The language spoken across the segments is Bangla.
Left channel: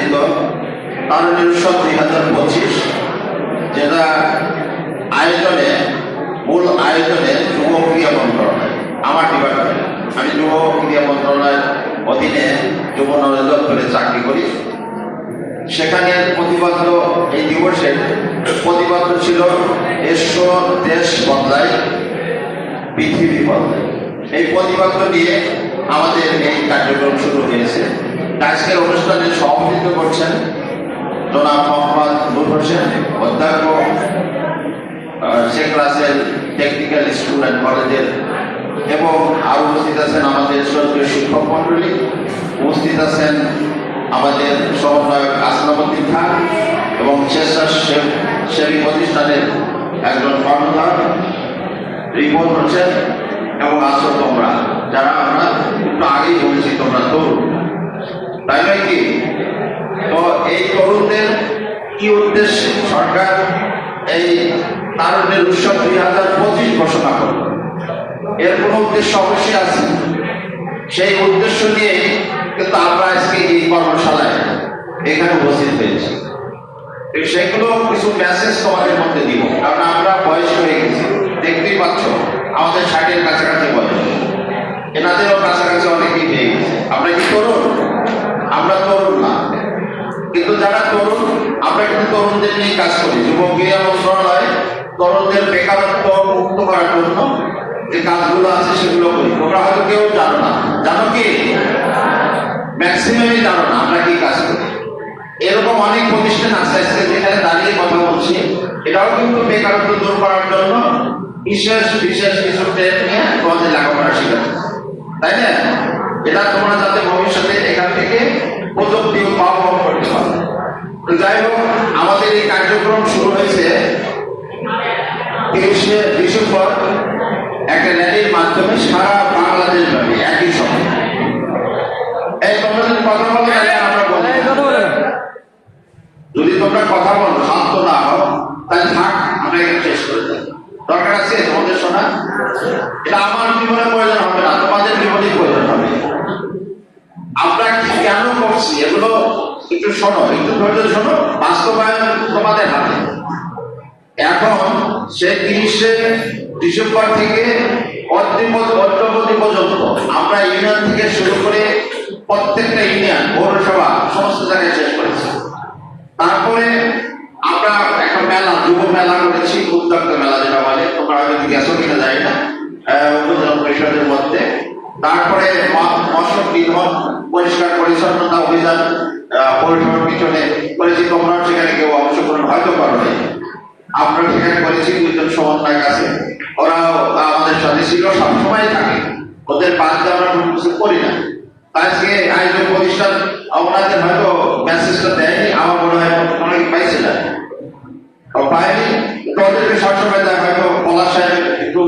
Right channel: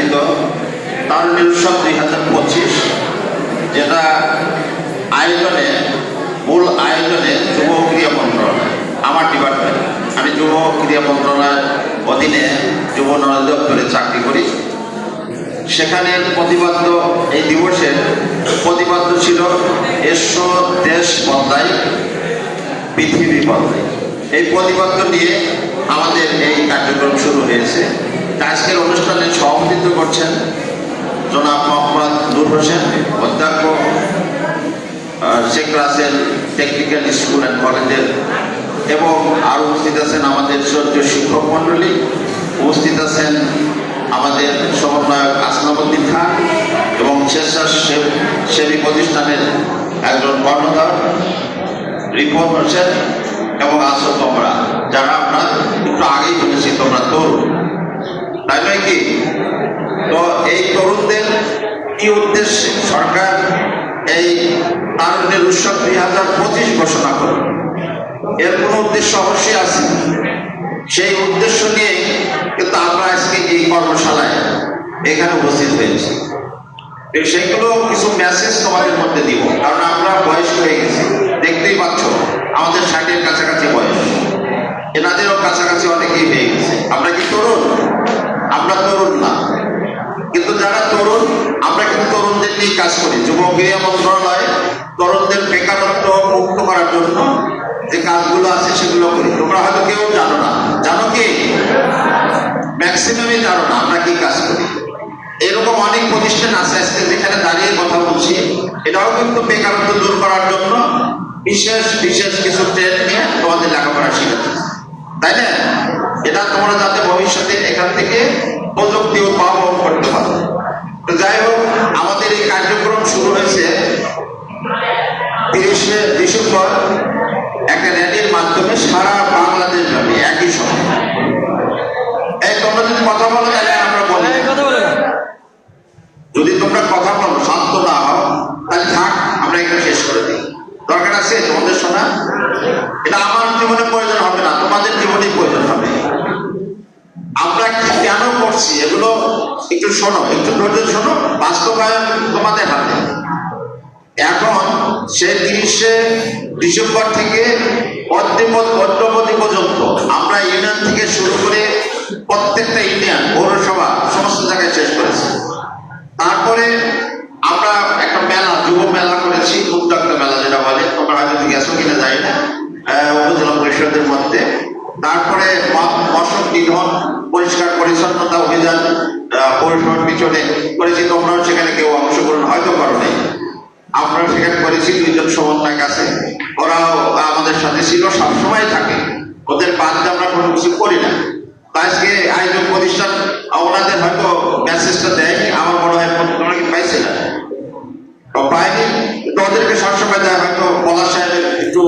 আয়োজিত তারুণ্যের উৎসব 2025, যেটা মূল আয়োজনে যুব ক্রীড়া মন্ত্রণালয়, আমার ডিপার্টমেন্ট, আমি যুব ক্রীড়া মন্ত্রণালয়ের অধীনে যুব দপ্তরে চাকরি করি। সেখানে প্রতিবদ্ধ এই দিবসের প্রতিবদ্ধ ছিল এসো দেশ বদলায় পৃথিবী বদলায়। এই প্রতিবদ্ধ নিয়ে আমাদের এই কার্যক্রম শুরু হয়েছে। আজকের অনুষ্ঠানে সভাপতিত্ব করছেন জনাব মোহাম্মদ নূর হোসেন, অধ্যক্ষ Sheikh Russel technical school and কলেজের, এবং আরও উপস্থিত আছেন আমাদের শ্রদ্ধেয় শিক্ষক মণ্ডলী, উপস্থিত আছেন আমাদের সমন্বয়ক আসলামউদ্দিন খান এবং স্বেচ্ছাসেবী প্রতিষ্ঠানের একজন কর্ণধার রিপন হোসেন, এবং আছো তোমরা যারা আমরা একটু আগেই বলেছি তোমরা তরুণ, তাই নয় কি? তো এই তরুণদের কি উদ্দেশ্যে সরকার এই তারুণ্যের উৎসব 2025 ঘোষণা করল? এর কোনো উদ্দেশ্য অবশ্যই আছে। সেই উদ্দেশ্য নিয়ে কিন্তু আমরা আজকে এই কর্মশালায় এখানে উপস্থিত হয়েছি। সেগুলো কিছু মেসেজ তোমাদের মধ্যে দিব, কারণ আমরা বয়স হয়ে গেছি, দেখতেই পাচ্ছ আমাদের 60-এর কাছাকাছি বয়স, এনাদেরও কাছাকাছি অনেকেই হয়ে গেছে। আমরা কি তরুণ? আমরা তরুণ না, কিন্তু যারা তরুণ আমরা কিন্তু তরুণদের নিয়ে কাজ করি। যুব ক্রীড়া মন্ত্রণালয় তরুণদের বেকারত্ব মুক্ত করার জন্য যে কাজগুলো আছে সেগুলো করি। তোমরা হয়তো কেউ জানো না, জানো কি? ম্যাক্সিমামই জানো না আমরা কি কাজ করি। এরকম অনেক প্রতিষ্ঠান আছে আজকে যেখানে দাঁড়িয়ে কথা বলছি, এটাও কিন্তু বেকারত্ব দূর করার জন্য বিশেষ বিশেষ কিছু ট্রেন নিয়ে তোমাদের লেখাপড়া শেখাচ্ছে, তাই না? এটা তোমরা যাতে ভবিষ্যতে এখান থেকে প্রযুক্তি উদ্ভাবন করতে পারো। তো যাই হোক, আমাদের এই কার্যক্রম শুরু হয়েছে 30শে ডিসেম্বর একটা র্যালির মাধ্যমে সারা বাংলাদেশ ব্যাপী একই সময়। এই তোমরা যদি কথা বলো তাহলে আমরা বলি, যদি তোমরা কথা বলো শান্ত না হও তাহলে থাক, আমরা এখানে শেষ করে দিই। দরকার আছে তোমাদের শোনা? এটা আমার জীবনে প্রয়োজন হবে না, তোমাদের জীবনেই প্রয়োজন হবে। আমরা কি কেন করছি এগুলো একটু শোনো, একটু ধৈর্য শোনো। বাস্তবায়ন তোমাদের হাতে। এখন সে 30শে ডিসেম্বর থেকে অদ্যবধি পর্যন্ত আমরা ইউনিয়ন থেকে শুরু করে প্রত্যেকটা ইউনিয়ন, পৌরসভা, সমস্ত জায়গায় শেষ করেছি। তারপরে আমরা একটা মেলা, যুব মেলা করেছি, উদ্যোক্তা মেলা যেটা বলে, তোমরা হয়তো গেছো কিনা যায় না, উপজেলা পরিষদের মধ্যে। তারপরে মশক নিধন, পরিষ্কার পরিচ্ছন্নতা অভিযান পৌরসভার পিছনে করেছি। তোমরাও সেখানে কেউ অংশগ্রহণ হয়তো করো নাই, আমরা সেখানে করেছি। 2 জন সমন্বয়ক আছে, ওরাও আমাদের সাথে ছিল, সবসময় থাকে, ওদের বাদ দিয়ে আমরা কোনো কিছু করি না। আজকে আয়োজক প্রতিষ্ঠান ওনাদের হয়তো মেসেজটা দেয়নি, আমার মনে হয় অনেকে পাইছে না, পায়নি, কিন্তু ওদেরকে সবসময় দেয়, হয়তো পলাশ সাহেবের একটু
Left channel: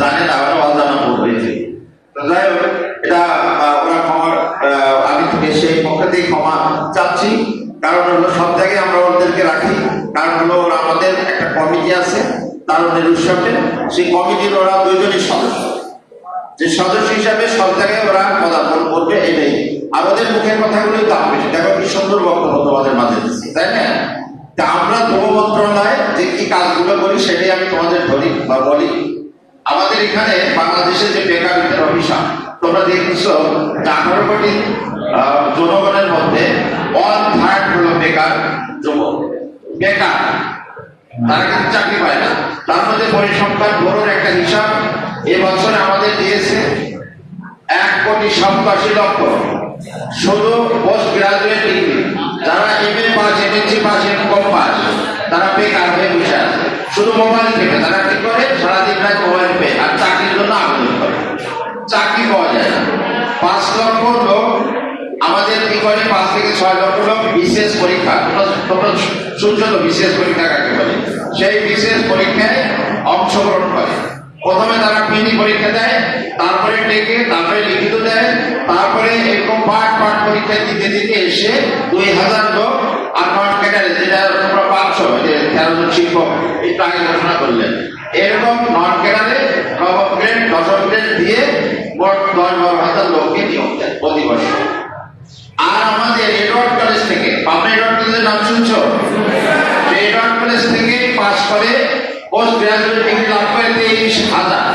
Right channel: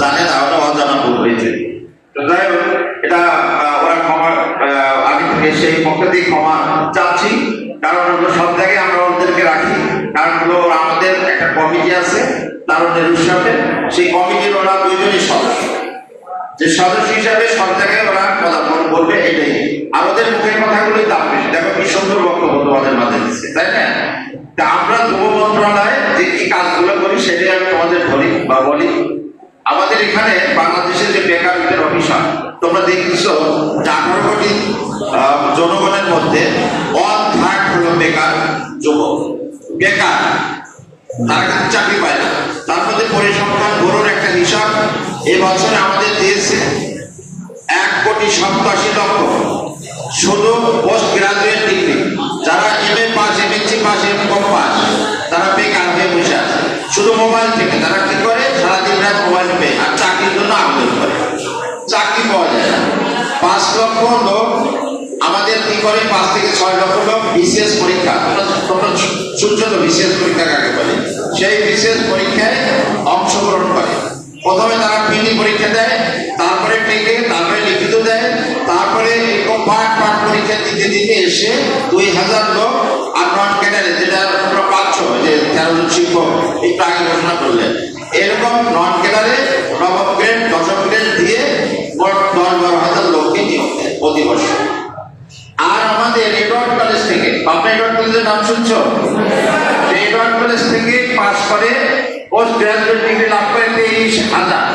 জানে না, ওরা অজানা ভুল হয়েছে। তো যাই হোক, এটা ওরা ক্ষমা, আমি থেকে সেই পক্ষ থেকে ক্ষমা চাচ্ছি, কারণ সব জায়গায় আমরা ওদেরকে রাখি। কারণ হলো আমাদের একটা কমিটি আছে তারুণ্যের উৎসবে, সেই কমিটির ওরা 2 জনই সদস্য, যে সদস্য হিসাবে সব জায়গায় ওরা কথা বলবে, এটাই। আর ওদের মুখের কথাগুলোই দাম বেশি। দেখো কি সুন্দর বক্তব্য তোমাদের মাঝে দিচ্ছে, তাই না? তা আমরা যুব মন্ত্রণালয় যে কি কাজগুলো করি সেটাই আমি তোমাদের ধরি বা বলি। আমাদের এখানে বাংলাদেশের যে বেকারত্বের অভিশাপ, তোমরা দেখছো যে 18 কোটি জনগণের মধ্যে 1/3 হলো বেকার যুবক, বেকার, তারা কিন্তু চাকরি পায় না। তার মধ্যে পরিসংখ্যান ব্যুরোর একটা হিসাব এবছরে আমাদের দিয়েছে 1,87,00,000 শুধু পোস্ট গ্রাজুয়েট ডিগ্রি, যারা MA pass, MSc pass, MCom pass, তারা বেকার হয়ে বসে আছে। শুধু মোবাইল থেকে তারা কি করে, সারাদিন রাত মোবাইল পেয়ে আর চাকরির জন্য আবেদন করে, চাকরি পাওয়া যায় না। 5 লক্ষ লোক আমাদের কি করে, 5 থেকে 6 লক্ষ লোক বিশেষ পরীক্ষা, তোমরা শুনছো তো বিশেষ পরীক্ষা কাকে বলে, সেই বিশেষ পরীক্ষায় অংশগ্রহণ করে। প্রথমে তারা প্রিলি পরীক্ষা দেয়, তারপরে টেকে, তারপরে লিখিত দেয়, তারপরে এরকম পাঠ পরীক্ষা দিতে দিতে এসে 2000 লোক আর নন ক্যাডারে, যেটা তোমরা পাচ্ছ যে 13 জন শিক্ষক একটু আগে ঘোষণা করলেন, এরকম নন ক্যাডারে নবম গ্রেড, দশম গ্রেড দিয়ে মোট 10-12 হাজার লোককে নিয়োগ দেয় প্রতি বছর। আর আমাদের এডওয়ার্ড কলেজ থেকে পাবনা এডওয়ার্ড কলেজের নাম শুনছো? সেই এডওয়ার্ড কলেজ থেকে পাস করে পোস্ট গ্রাজুয়েট ডিগ্রি লাভ করে 23,000।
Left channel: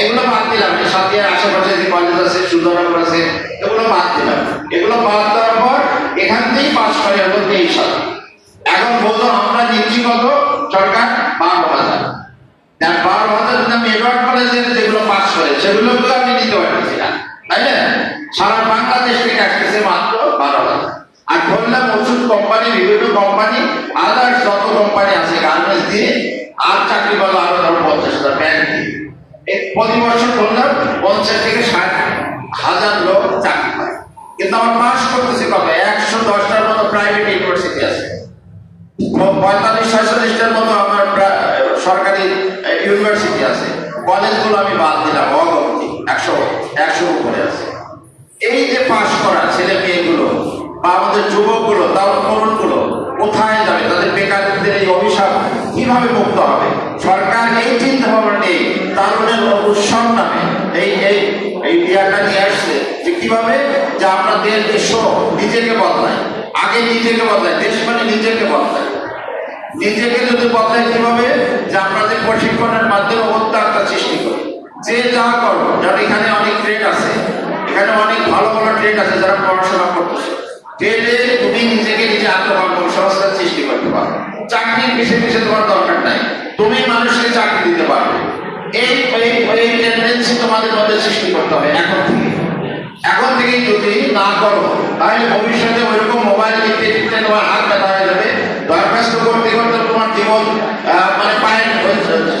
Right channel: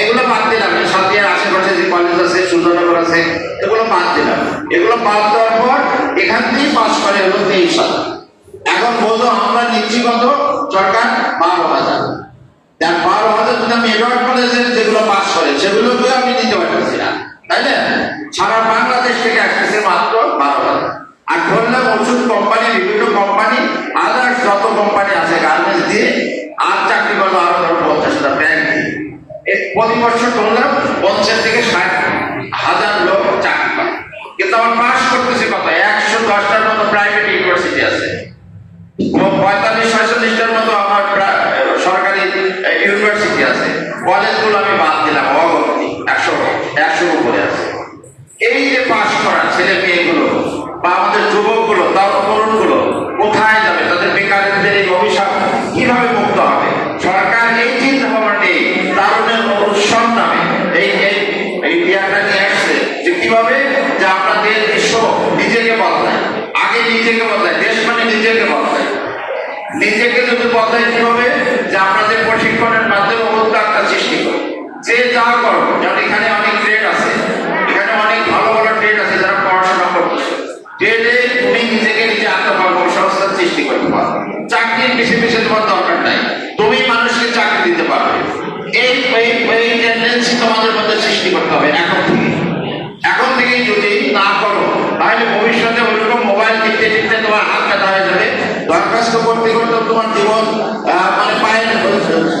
এগুলো বাদ দিলাম, সাথিয়ার আশেপাশে যে কলেজ আছে, সুন্দরনগর আছে, এগুলো বাদ দিলাম। এগুলো বাদ দেওয়ার পর এখান থেকেই পাস করে হলো 23,000। এখন বোঝো আমরা নিচ্ছি কত? সরকার 12,000। 12,000 যদি আমি এডওয়ার্ড কলেজের যেগুলো পাস করে সেগুলোকেও আমি নিতে পারতেছি না, তাই না? সারা বাংলাদেশ থেকে আসতেছে মাত্র 12,000। আর ধরলাম ওষুধ কোম্পানি, বিভিন্ন কোম্পানি, আদার্স যত কোম্পানি আছে গার্মেন্টস দিয়ে, আর চাকরি করলো আরো ধরো 50,000 ব্যাংক দিয়ে। প্রতি বছর ধরলাম 50 থেকে 60,000 লোক চাকরি পায়। কিন্তু আমার পাস করতেছে কত? 110টার মতো প্রাইভেট ইউনিভার্সিটি আছে, 45-46টার মতো আমার সরকারি ইউনিভার্সিটি আছে। কলেজগুলো আমি বাদ দিলাম, অগণতি 100 উপরে আছে। এই যে পাস করা ছেলে মেয়েগুলো বা আমাদের যুবকগুলো, তার তরুণগুলো কোথায় যাবে? তাদের বেকারদের এই অভিশাপ কিভাবে মুক্ত হবে? সরকার এই চিন্তা ভাবনা নেই, তারুণের উৎসব নামে এই বিয়ারটা নিয়ে আসছে যে কিভাবে যে আমরা দেশ নিজেকে বদলায়। আগে নিজেকে বদলায়, দেশ মানে নিজেকে বদলায়। নিজেকে যদি বদলায় কিভাবে? যে আমাদের প্রশিক্ষণের মাধ্যমে উদ্যোক্তা সৃষ্টি করি। যে যা করো, যেমন এখানে অনেক ট্রেড আছে, এখানে অনেক ভালো ভালো ট্রেড আছে যারা পড়াশোনা করতেছে। ট্রেডে তুমি নিজেকে নিজে আত্মকর্মসংস্থান সৃষ্টি করতে পারো। চাকরির পিছিয়ে তোমার দরকার নাই, তুমি মানুষকে চাকরি দিতে পারবে। এই টেন্ডেন্সি তোমাদের মধ্যে সৃষ্টি করতে হবে এখন থেকে যদি না করো তাহলে ভবিষ্যতে ওইরকম মোবাইল টিপতে টিপতে তোমার হাত ব্যথা হয়ে যাবে। দরখাস্ত করতে করতে তোমার জীবন মানে পায়ের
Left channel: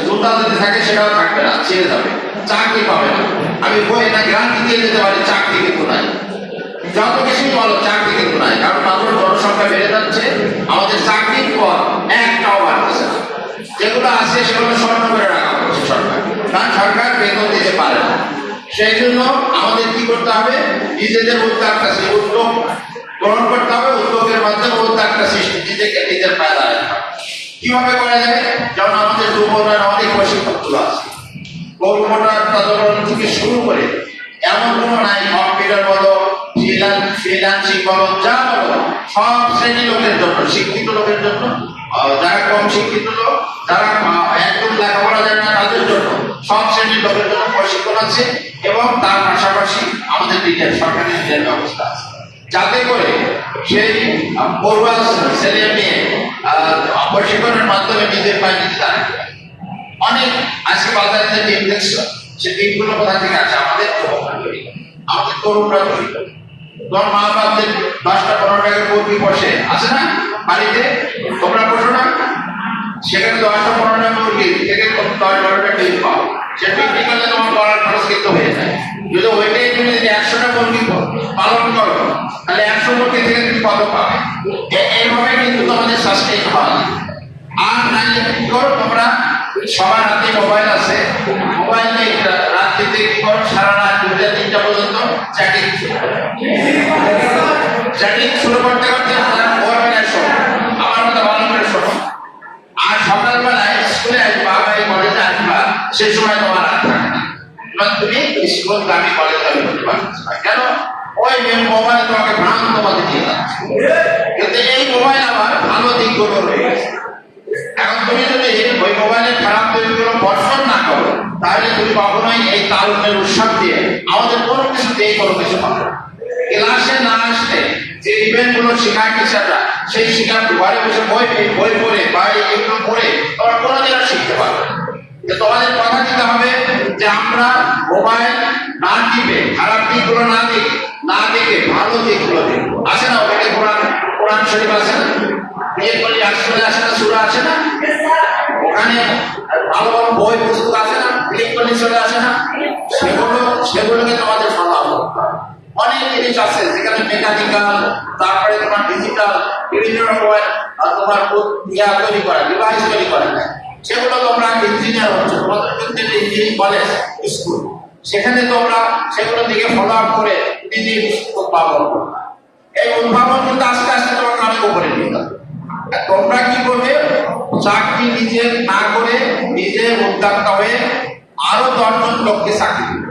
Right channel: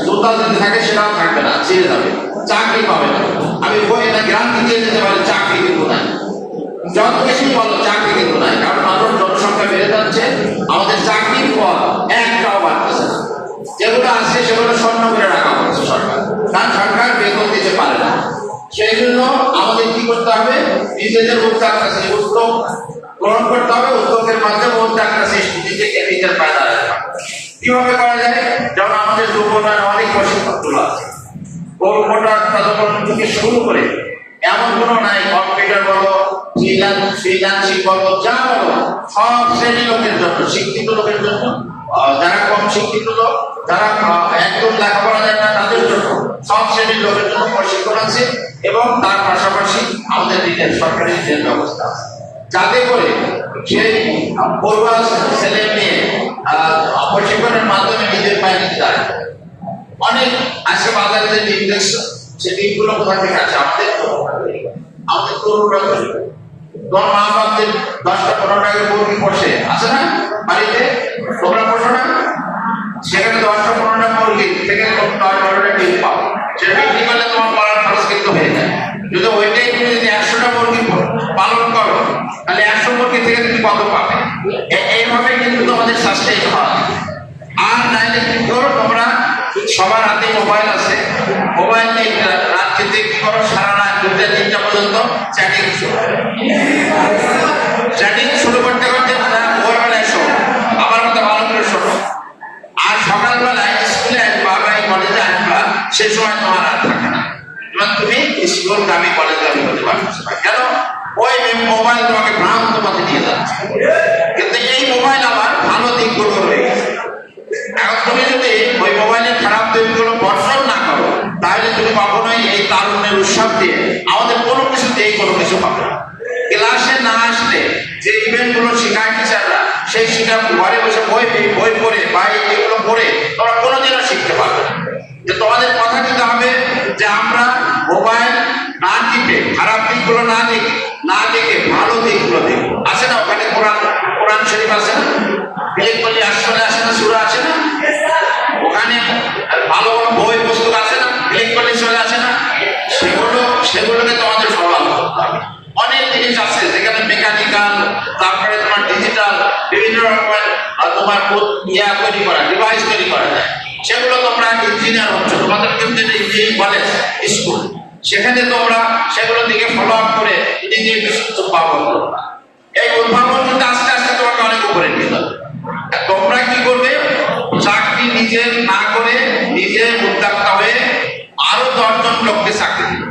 জুতা যদি থাকে সেটাও থাকবে না, ছেড়ে যাবে, চাকরি পাবে না। আমি এটা গ্যারান্টি দিয়ে দিতে পারি, চাকরি কিন্তু নাই। যত বেশি বলো চাকরি কিন্তু নাই, কারণ মানুষ জনসংখ্যা বেড়ে যাচ্ছে, আমাদের চাকরির পর একটাও বাড়ছে। যেগুলো আছে সেগুলো স্বর্ণ করে রাখা হচ্ছে সরকার, কারণ সরকার বেতন দিতে পারে না। সেই জন্য আমাদের কি করতে হবে? নিজেদের উদ্যোক্তা উদ্যোগ গ্রহণ করতে হবে, উদ্যোগের মাধ্যমে উদ্যোক্তা সৃষ্টি, নিজেকে নিজের পায়ে দাঁড়াতে হবে। কিভাবে করা যায়? যেমন আমাদের যুবকরা অনেক প্রশিক্ষণগুলো আছে, থেকে শুরু করে এমন কোনো নাই, কম্পিউটার বলো, ফ্রিল্যান্সিং বলো, যা বলো, সব শ্রেণীর লোকের জন্য, শিক্ষিত লোকের জন্য, যারা কম শিক্ষিত লোক, যারা একদম লেখাপড়া যায় না তাদের জন্য, সব শ্রেণীর লোকের জন্য প্রশিক্ষণ আছে। এবং তার পাশাপাশি আমাদের রিটেল, সরকারি রিটেল ব্যবস্থা আছে, যাতে করে সেই পড়ুয়া ছেলে মেয়ে প্রশিক্ষণের মাধ্যমে নিজের পায়ে নিজে দাঁড়ায়। অনেক আজকে বাজারে যে টিম দেখছো, সে টিমগুলো কোথা থেকে আছে? আমাদের তরুণরা তৈরি করে। তোমার মা বাপদের 10টা-15টাকে মুরগি বসে আছে না বাড়িতে, তোমরা বসো না? সেখানে 10টা-15টা মুরগি থেকে 10-12টা ডিম পাও। সে বিক্রি করলে তোমার পাড়ার খরচ কিন্তু হয়ে যায়। যদি ওইটাই তুমি যদি 100টা মুরগি পালন করো, তাহলে 100 মুরগি থেকে তুমি কত পাবে? এইভাবে কিন্তু তোমাদের সাস্টেইন হয়। আর নাইলে কি করো? তোমরা সবার হাতে মোবাইল আছে, মোবাইল নিয়ে রাত্রিতে কি করো? সারা রাত 2টা-3টা পর্যন্ত চ্যাটিং শুরু করতে করতে ভোরবেলায় শোনো, আবার হয়তো ভালো করে শোনো। আর সকালবেলায় স্কুলে আসবা বা এই কলেজে আসবা, সে সময় তোমার রাত থাকে না, তুমি স্কুল গামী কলেজ গামী হতে পারছো না। কেন? ওই মোবাইল তোমাকে ভ্রান্ত পথে নিয়ে যাচ্ছে। কিন্তু এই মোবাইল আবার ভালো দিকগুলো রয়ে গেছে। এখন তুমি যদি ওই মোবাইলের খারাপ দিকগুলো বর্জন না করো, তাহলে তুমি কখনোই এই তারুণ্যের উৎসব দিয়ে আমাদের কোনো কিছু দিয়ে কোনো কিছু পাবে না। ক্লাসে না আসলে যে ইভেন্ট গুলো শেখায় টিচাররা, সেই শিক্ষা ঘরে বসে বই পড়ে বা এগুলো পড়ে তোমরা কোনোদিনও শিখতে পারবে না। যে তোমাদের কথা দিতে হবে যে আমরা মোবাইল না টিপে খারাপ দিকগুলো না দেখে ভালো দিকগুলো দেখবো। আছে না ওখানে কোরআন শরীফ আছে না, বিয়ে করলে আসলে আসে না, সূরা আছে না, ওখানে ভালো ভালো বই পুস্তক আছে না, ক্লিক করলে চলে আসে না, সেগুলোকে তোমাদের ফলো করতে হবে। অনেক জিনিস আছে যেখানে মেকানিক্যাল, তারপরে তোমার ডিজিটাল, বিভিন্ন রকমের তোমার তৈরি করা, ডিভাইস তৈরি করা যায়। সেগুলো তোমরা ইঞ্জিনিয়ার হচ্ছ, তোমাদের কিন্তু ইঞ্জিনিয়ারিং কলেজ স্কুল, সেখানে তোমরা সেগুলো দিকে ফলো আপ করে নিজের উদ্ভাবন করবা। এই উদ্ভাবন কিন্তু আস্তে আস্তে তোমাকে অনেক উপরে নিয়ে যাবে। তোমরা কি করবে? চাকরি নিজে না করে নিজে উদ্যোক্তা হয়ে আরো 10 জন লোককে চাকরি দিবে।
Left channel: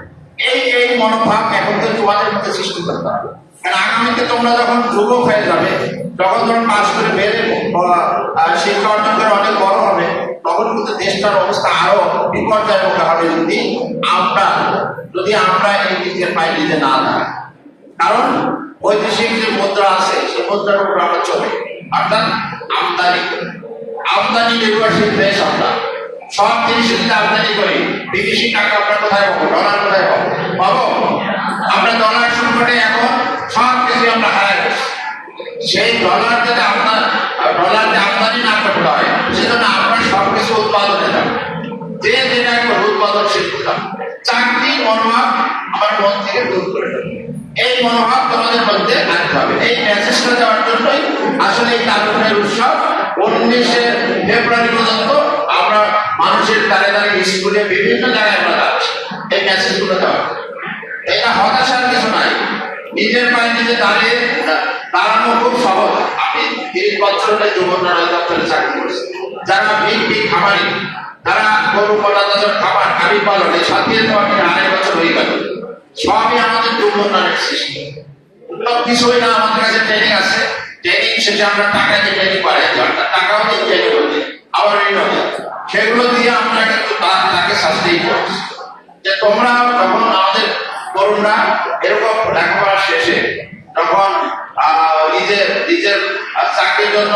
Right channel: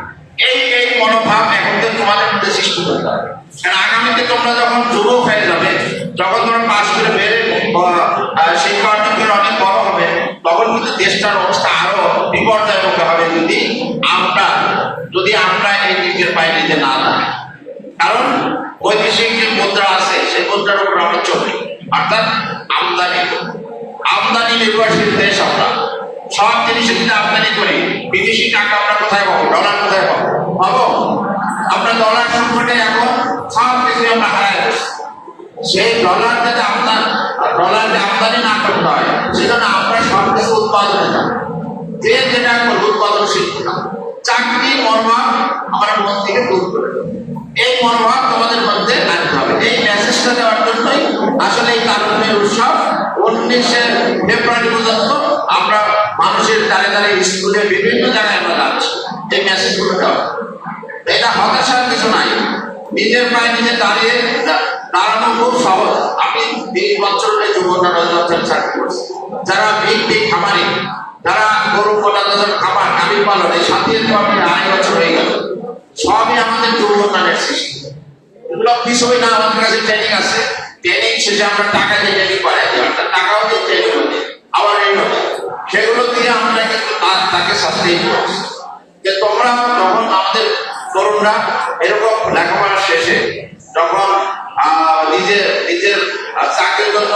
এই মনোভাব এখন থেকে তোমাদের মধ্যে সৃষ্টি করতে হবে। কারণ আগামীতে তোমরা যখন যুবক হয়ে যাবে, যখন তোমরা পাশ করে বেড়ে শিক্ষা অর্জন করে অনেক বড় হবে, তখন কিন্তু দেশটার অবস্থা আরো বিপর্যয়ের মুখে হবে যদি আমরা এই নিজের পায়ে নিজে না দাঁড়াই। কারণ বৈদেশিক যে মুদ্রা আছে সেই মুদ্রার উপর আমরা চলি, অর্থাৎ আমদানি নির্ভরশীল দেশ। আমরা সব জিনিস যদি আমদানি করি, বিদেশি টাকা আমরা কোথায় পাবো? ডলার কোথায় পাবো? আমরা ডলার সংকটে এখন সব কিছু আমরা হারাই বসছি। সেই ডলার যদি আমদানি না করতে হয়, সেজন্য আমরা সব কিছু উৎপাদনে যাবো, যে যেটা উৎপাদনশীল করলাম। চাকরি মনোভাব আমার মন থেকে দূর করে দেবে, এই মনোভাব তোমাদের মধ্যে আনতে হবে। এই মেসেজটা দেওয়ার জন্যই আসলে এই কারণের উৎসব 19শে ফেব্রুয়ারি পর্যন্ত আমরা মানুষের দ্বারে দ্বারে স্কুলে বিভিন্ন জায়গায় আমরা যাচ্ছি এই মেসেজগুলো দেওয়া। এটা হতাশার কিছু নাই, নিজের পায়ে নিজে দাঁড়ানো খুব সহজ। আপনি 30 বছর যুবকরা চাকরি করছে, যারা বিগ খামারি, যারা গরু কলাদার খাবার গাড়ি পালন, এই সাথে 2.5 বছর হয়ে গেল, সবই আমাদের যুবকদের সৃষ্টি। এগুলো বিষয় না, আমাদের কাছে ট্রেনিং আছে, ট্রেনিং শেষে আমরা টাকা দিয়ে ট্রেনিং পাই, অর্থাৎ টাকাও দিয়ে ট্রেনিং করতে আবার এই নয়, সেগুলো দিয়ে আমরা কিন্তু তাকে সাস্টেইন করছি। যে তোমরা যখন আমাদের তরুণরা এরকম লেখাপড়া শেষে যখন নিজের চাকরির জন্য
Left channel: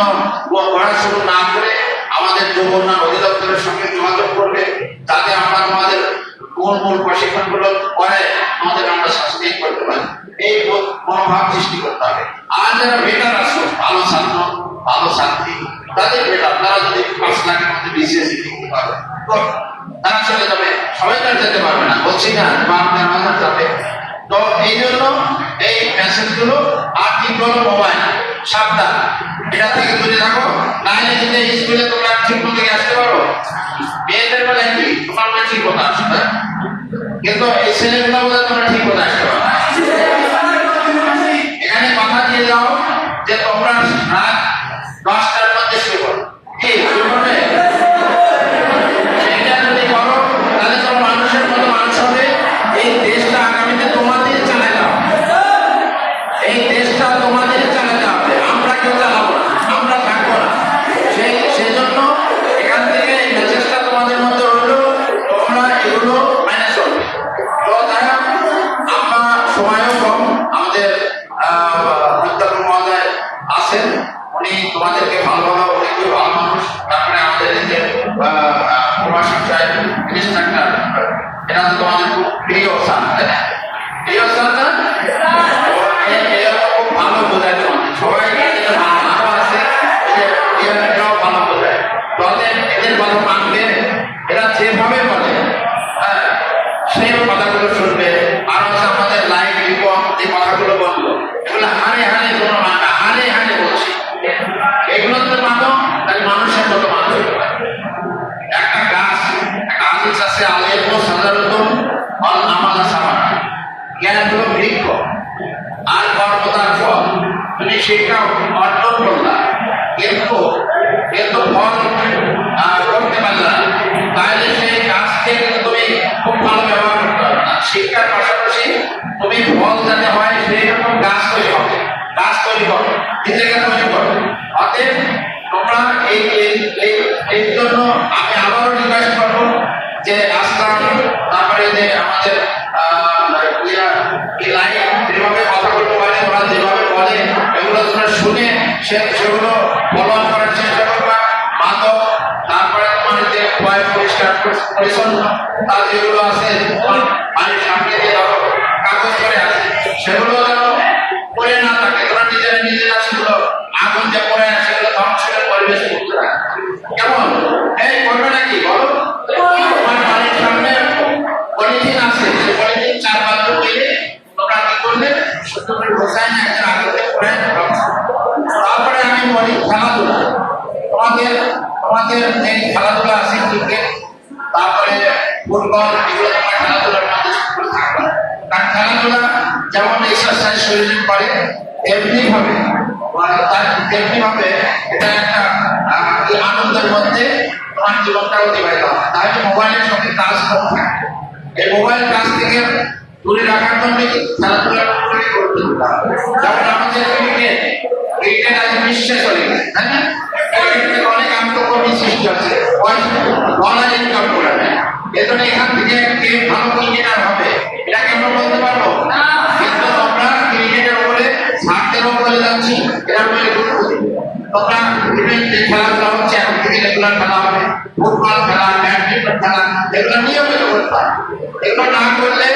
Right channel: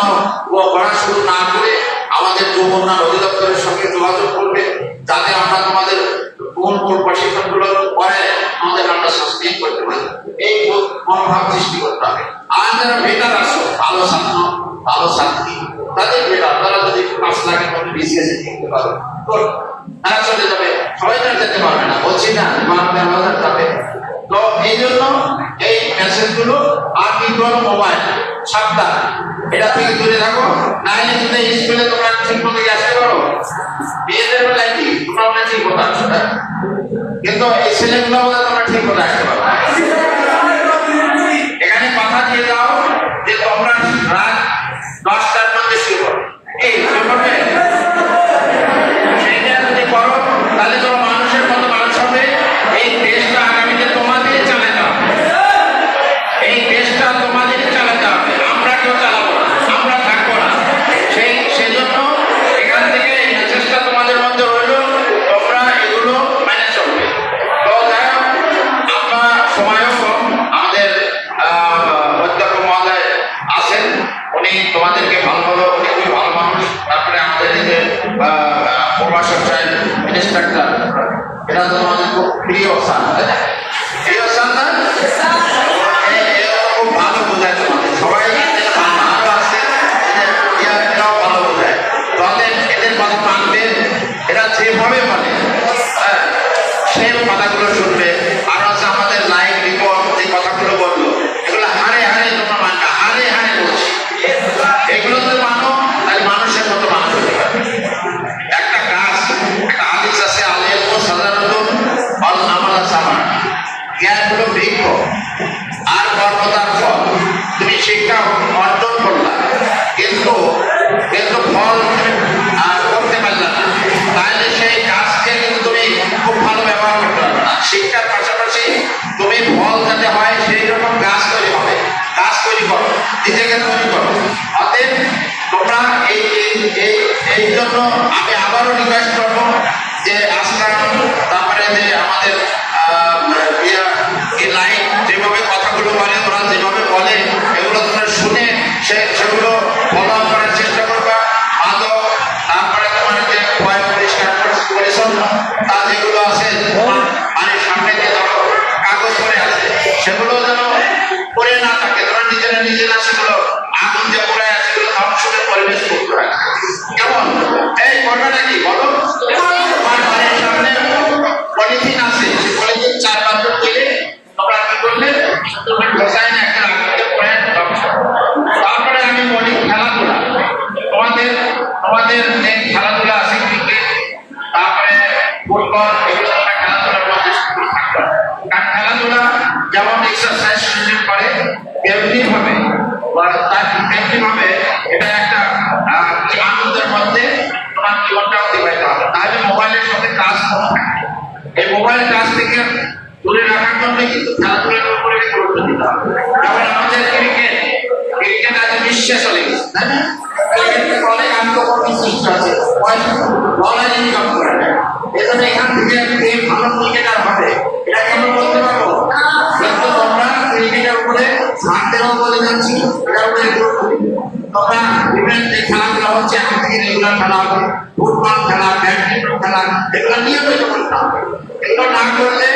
পড়া শুরু না করে আমাদের যুবকরা অধিদপ্তরের সঙ্গে যোগাযোগ করবে, যাতে আমরা তোমাদের মূল প্রশিক্ষণগুলো করে আমরা সাস্টেইন করতে পারি। এই মনোভাব সৃষ্টি করতে হবে। আর যারা বেকার আসো, ভালো ছাত্র ভালো ছাত্রী, তাদের বেকার, তারা যদি 5 লাখের মধ্যে বিসিএস করতে পারে তো তারা চলে যাবে, সবাই তারা যেতে পারবে না, বলছি না আপনার বাজার যাবে। তো এই জন্য এই মেসেজগুলো। আর কিন্তু মোবাইল সাবধান, এটা থেকে দূরে থাকো, নাইলে কিন্তু স্কুলে তোমরা ঠিক মতো আসতে পারো। মেয়েদের বেলায় কি তোমরা ঠিক মতো আসো, কিন্তু এই ছেলেগুলো তোমরা ঠিক মতো আসতে পারো। এখানে কথা দিয়ে যাও যে তোমরা রাত 10টার মধ্যে শুরু করো, এই শুরু করবে, সেটা যদি করো তাহলে তোমার মানুষের মতো মানুষ হবে। এই দেশটা আগামীতে তোমাদের চালাতে হবে, এই দেশটা তোমাদের চালাতে হবে, আমরা কেউ চালাবো না, আমরা থাকবো না। সেই জন্য এখান থেকে এই মেসেজটা তোমাদের মধ্যে হলো, তোমরা এগুলো মেনে চলবে। তো আমরা সময়ও কম, আমাদের অধ্যক্ষ মহোদয় আছেন, উনি তোমাদেরকে ভালোভাবে, উনি খুবই ভালো মানুষ। তারপরে আমাদের যে প্রভাষক সাহেব ইনস্ট্রাক্টর, এরা তো তোমাদের খুব প্রিয় স্যার, তাই না? প্রিয় স্যার না, এরা খুব ভালো বোঝায় তোমাদের, সবাই আরো আছে এরাও ভালো বোঝায়, তাদের এদের কথা মানবে, এরা যেভাবে বলে সেই কথাগুলো শুনবে। আর আছে আমাদের লাইক রিপোর্ট, যে কথাগুলো বললো এগুলো হারে হারে তোমরা মানবে, হারে হারে বলছি, এগুলো যদি মানো তাহলে মানুষের মতো মানবে। একটা গাছ, একটা আদিস আছে, আলেম সাধারণত আমার সামান জ্ঞান হলো বৃক্ষ আর কর্মদার ফল। তুমি শিক্ষা অর্জন করলা কিন্তু ফল করতে পারলা না, তাহলে সেই গাছকে কিন্তু তুমি খুব ভালো ব্যবহার করতে পারবে না। শিক্ষার পাশাপাশি তুমি ফল যাতে হয় সেই রকম গাছ তৈরি হবে, গাছ তৈরি করো, নিজেকে তৈরি করো। অতএব তোমরা এই জন্য আমি আবারও রিকোয়েস্ট করবো যে আজকে তারপরে যে আমাদের লাইভ যেভাবে কথাগুলো বলে, তোমরা যেভাবে বলে এগুলো তোমরা শুনে সেগুলো ফলো করার চেষ্টা করবা। মাদক, তারপরে তোমার যে পরিষ্কার পরিচ্ছন্ন তা যেগুলো আছে বাড়ির সামনে যে কাগজ করে আছে সেগুলো যেন করে না থাকে, তোমরা নিজেরা সেগুলো আগুন যে করে আছে সেগুলো ধ্বংস করে পরিবেশ করতে রাখে। কেমন এই করবে নাকি বলো? তোমার বাড়ির সামনে পলিথিন আছে, সেই পলিথিন 4 বার দিলে তোমরা কি করলে সুন্দর করে বসাই না একটা আগুনকে পড়ে ধ্বংস। তারপরে আমি বলি খেলাধুলা, তোমাদের এই খেলাধুলা আছে, ক্রিকেট, তারপরে ফুটবল, এগুলো তোমরা খেলাধুলার মধ্যে থাকবা। কারণ খেলাধুলা যেমন এক্সারসাইজ শরীরের করে, তেমনি ভাবে এটা একটা আনন্দের মধ্যে তোমার জীবনটা অতিবাহিত হবে। তাহলে মোবাইলের সাথে টাচ কম থাকে, এই মোবাইল টাচ থেকে দূরে রাখার জন্য কিন্তু খেলাধুলার উপরে গুরুত্ব দিতে হবে। যেমন আমাদের ক্রিকেট আজ বিশ্ব শেষ হয়ে গেছে, তাই না? এখান থেকে অনেক আত্মকর্মী সৃষ্টি আছে, ডলার ইনকাম করে নেয়। এজন্য এখান থেকে কে ভালো ক্রিকেটার হবে এটা কি আমরা বলতে পারবো? কিন্তু তোমরা ক্রিকেটের উপরে ছাড়তেও বলে যাচ্ছি, এটার উপরে গুরুত্ব দিবে। তোমরা বিভিন্ন যে খেলাধুলা হচ্ছে এখন থেকে রেগুলার খেলা হবে, ফুটবল খেলা, ব্যাডমিন্টন খেলা, এগুলো নিয়মিত করতে হবে। এগুলো না করলে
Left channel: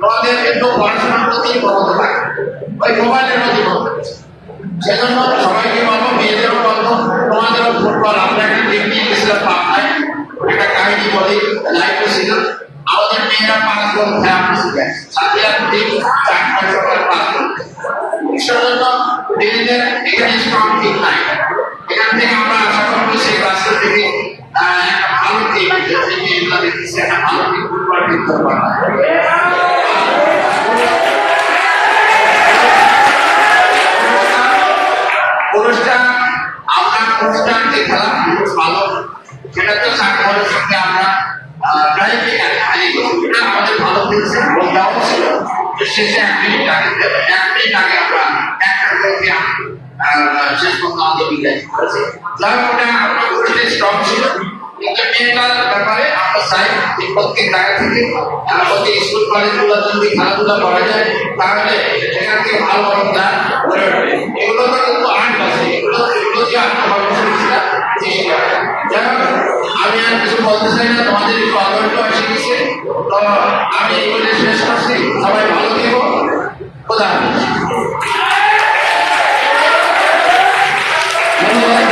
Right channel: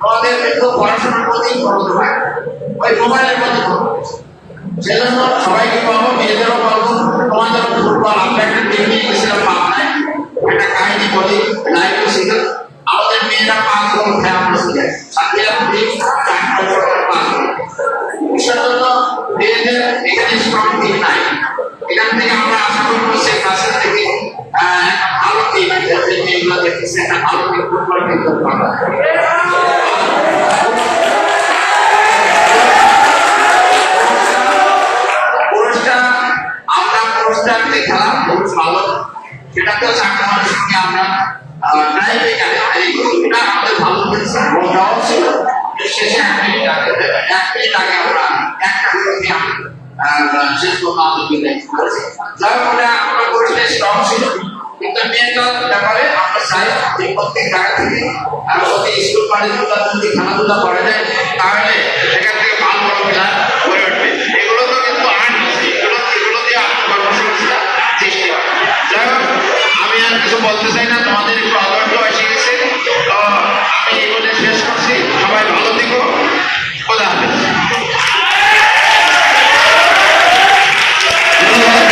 তোমাদের কিন্তু পড়াশোনার প্রতি মনোযোগ থাকবে, ওই মোবাইলের প্রতি মনোযোগ। সেজন্য সবাইকে বলবো, মেয়েদেরও বলবো, তোমাদের ফুটবল আমরা একটা টিম নিয়ে গেছিলাম পাবনায়, একটা কাহিনী বলি, লাইভ ছিল। আমাদের মেয়েরা 5 গোল খেয়ে আমরা শিখে সাথে টিম 4টা সকাল 5 গোল। সেজন্য মেয়েদের এখানে স্ট্রং টিম নাই। এখান থেকে আমরা আশা করবো সেই রাস্তা থেকে একটা ভালো টিম, যে মেয়েগুলো দেখতেছে একটা ভালো টিম ফুটবল খেলতে পারে। খেলা খুব ভালো, সেটাতে সাংবাদিকের সঙ্গে আমরা প্রায় এটা আমাদের ভালো খেলছে, ছিল শেষে 1 মিনিট আগে আমরা একটা ট্রফি শেষ পর্যন্ত বিদায় করেছি। যাই হোক, ওটা আমরা করেছি স্ট্রং ছিল, কিন্তু মেয়েটার ব্যাপারে আমরা চাই যে প্রত্যেক জায়গা থেকে ওকে স্কুল কলেজগুলো যদি খেলাধুলা করে দেয় তাহলে সেখানে